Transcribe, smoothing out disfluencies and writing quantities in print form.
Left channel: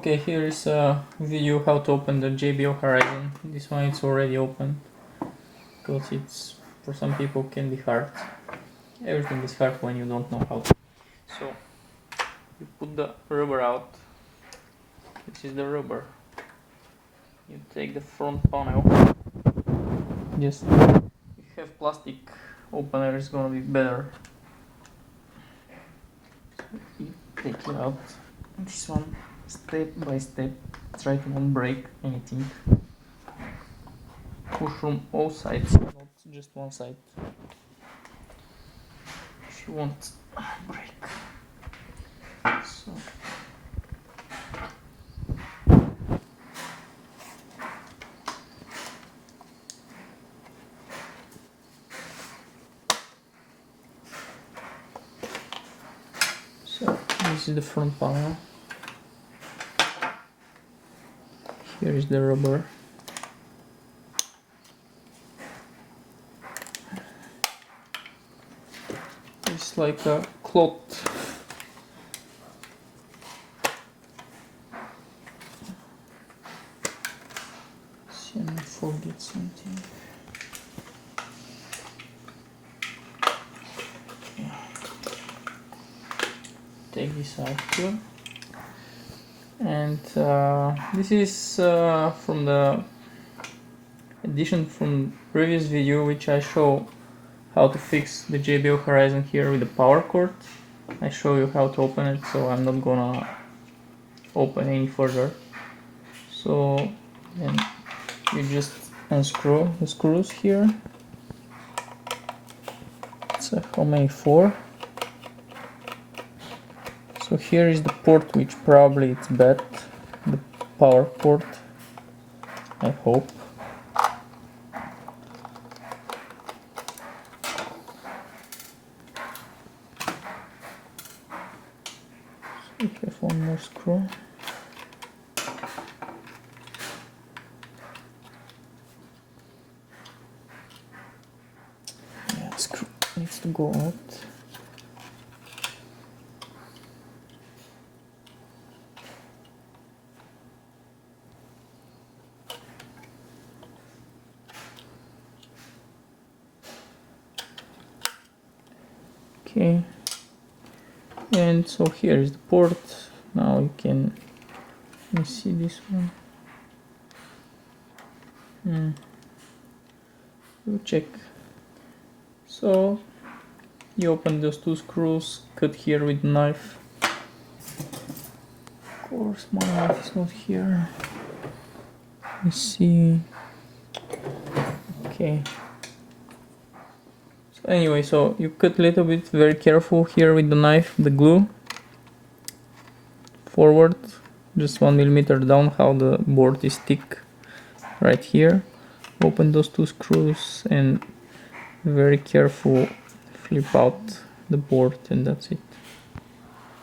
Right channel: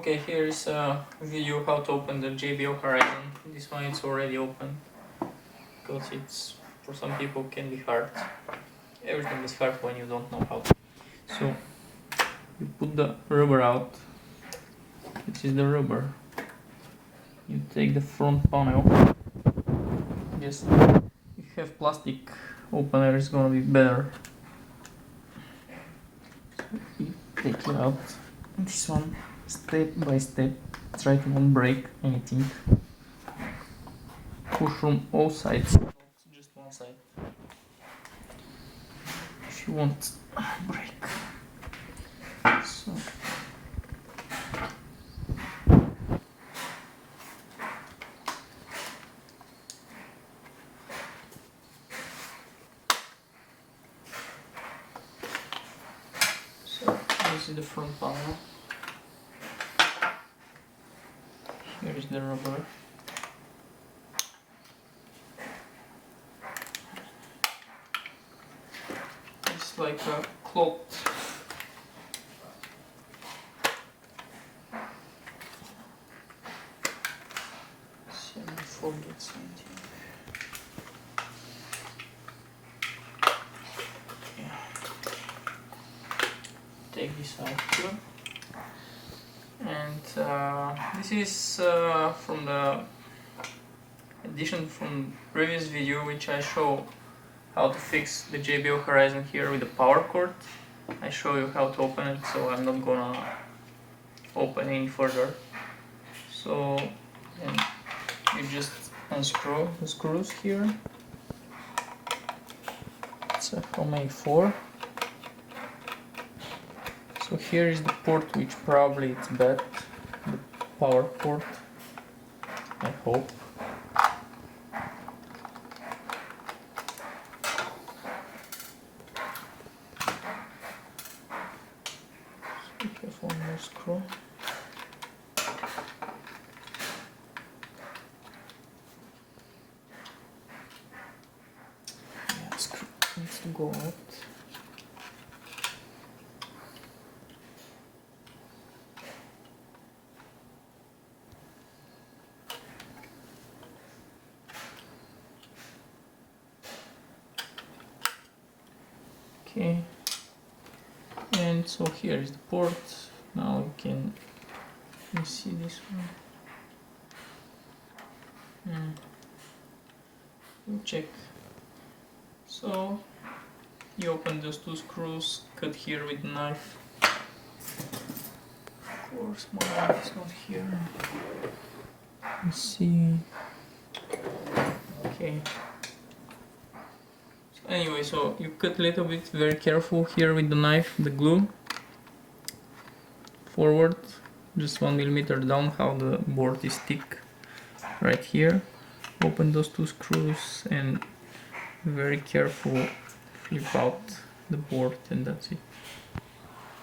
Okay, here is a video how to open the JBL HORIZON. This one it's already open because it's for some people can be hard. Everything is hard when you don't know how to. So you put the rubber out. This is the rubber. You take the front panel. Just if you have plastic opener, it's gonna be better. You take it out. This one step by step. Try to not break anything. Push from all sides, not just one side. If you want break. So this is the front panel. Here is the rubber. It's like a cloth. See, I forget something. Yeah. Take this out here. And this is from the addition from previous video, which I show how to fix the JBL HORIZON here with the power cord. I show you how to open it, so I'm not gonna open any further. So then you just unscrew the screws here. It's how many? 4. So here is the port, which probably it's bad, the power port, I hope. So we have one more screw. Yeah, screw needs to go out. Okay, and so here is the port. Now you can see this one. You check. So you open those 2 screws, cut here with the knife. Of course, my knife is not here. Let's see. Okay. Anyway, so you cut a little bit, very careful here with the knife, the glue forward, just 1 millimeter down, how the board is thick right here. Open those 2 screws and very careful flip out the board, and that's it.